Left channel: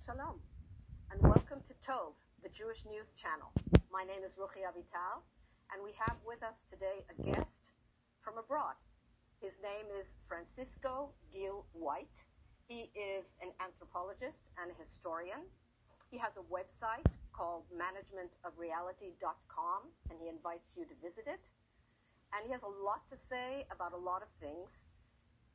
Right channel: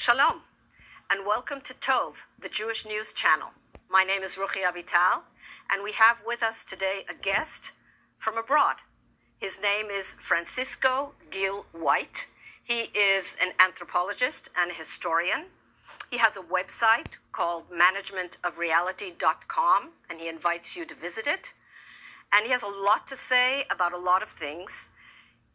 Shalom, and welcome to Tov, the Jewish News Channel. My name is Ruchi Avital, and we have with us today a guest from abroad. His name is Francisco Gil White. He is an anthropologist and a historian. He has a website called managementofreality.com, and he invites you to visit it. And he has a lot to say about a lot of things.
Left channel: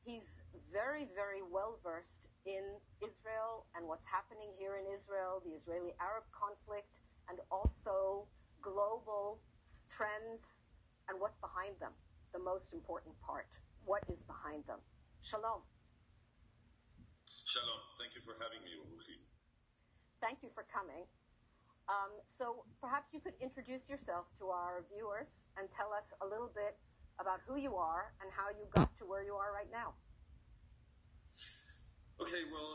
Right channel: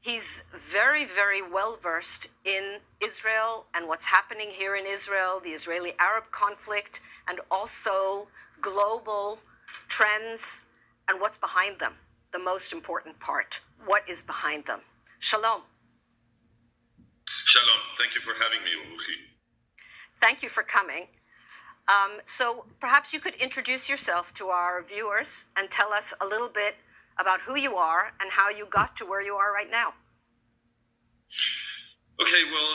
He's very, very well versed in Israel and what's happening here in Israel, the Israeli-Arab conflict, and also global trends and what's behind them, the most important part. What is behind them? Shalom. Shalom. Thank you for having me, Ruchi. Thank you for coming. So perhaps you could introduce yourself to our viewers and tell us a little bit about who you are and how you got to where you are right now. Okay, well,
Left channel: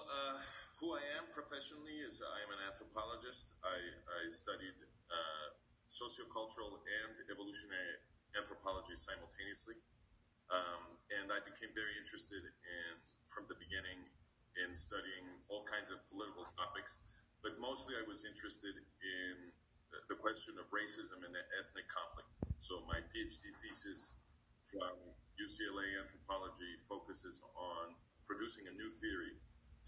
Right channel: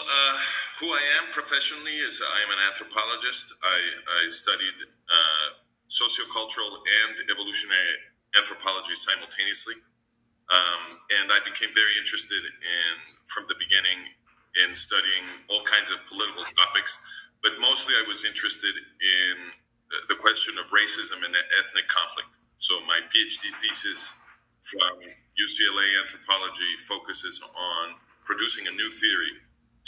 who I am professionally is I am an anthropologist. I studied sociocultural and evolutionary anthropology simultaneously. And I became very interested from the beginning in studying all kinds of political topics, but mostly I was interested in the question of racism and ethnic conflict. So my PhD thesis from UCLA anthropology focuses on producing a new theory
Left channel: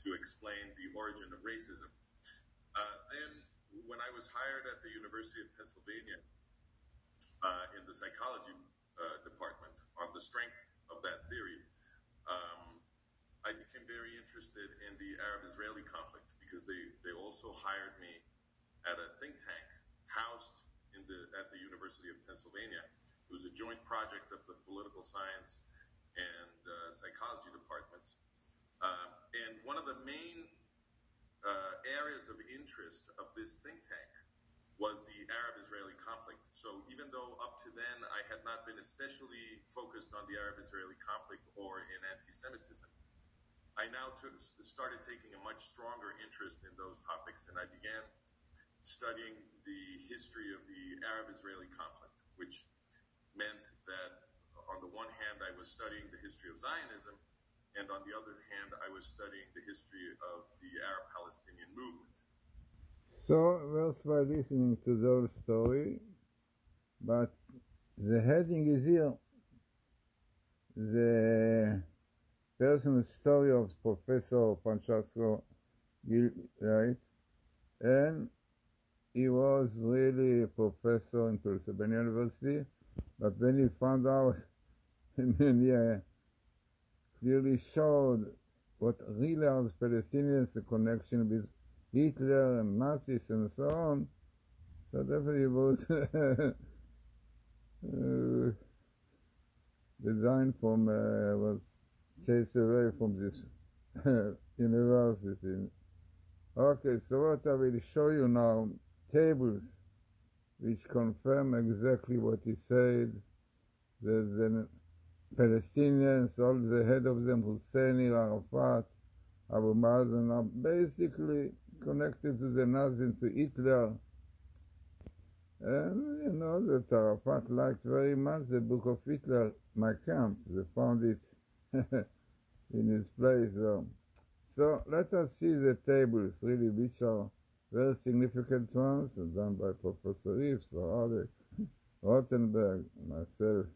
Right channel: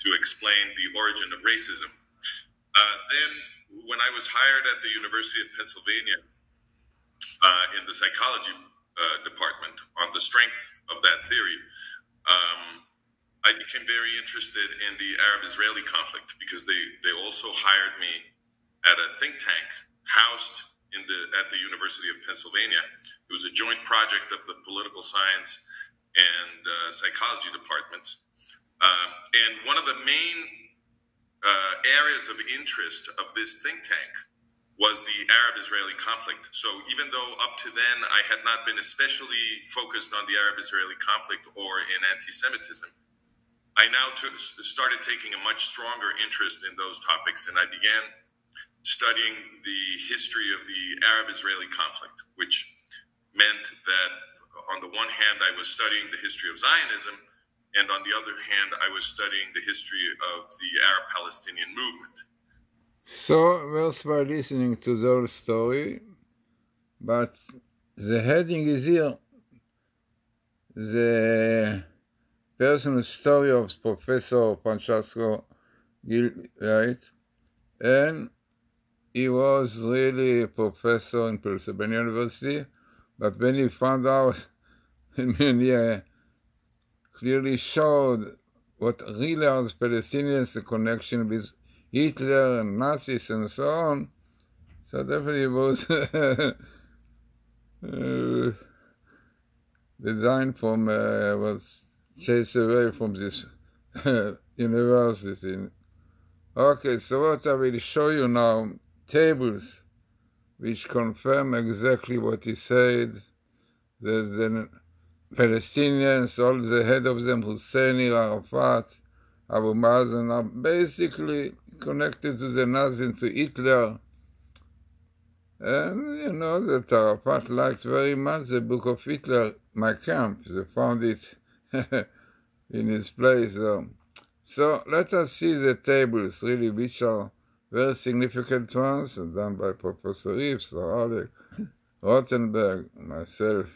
to explain the origin of racism. Then when I was hired at the University of Pennsylvania in the psychology department on the strength of that theory, I became very interested in the Arab-Israeli conflict because they also hired me at a think tank housed at the University of Pennsylvania. It was a joint project of the political science and psychology departments. And one of the main areas of interest of this think tank was the Arab-Israeli conflict. So even though up to then I had not been especially focused on the Arab-Israeli conflict or in anti-Semitism, I now started taking a much stronger interest in those topics, and I began studying the history of the Arab-Israeli conflict, which meant that on the one hand, I was studying the history of Zionism, and on the other hand, I was studying the history of the Arab-Palestinian movement. So, first by listening to the whole story, but the heading is here, the personal story of Professor Francisco Gil White, and he was really a professor in Pennsylvania University, but when he found out, he clearly showed what really are the Palestinians, the connection with Hitler and Nazis and so on. So definitely was designed from, was chased away from this university. Okay, so what I will show you now, tables which confirm exactly what he said. There's the Palestinians, all the head of them, Hussein, Arafat, Abu Mazen, are basically connected to the Nazis, to Hitler. And you know that Arafat liked very much the book of Hitler, My Camp. They found it in his place. So let us see the tables, really, which are very significant ones, done by Professor Reeves, Rottenberg, myself.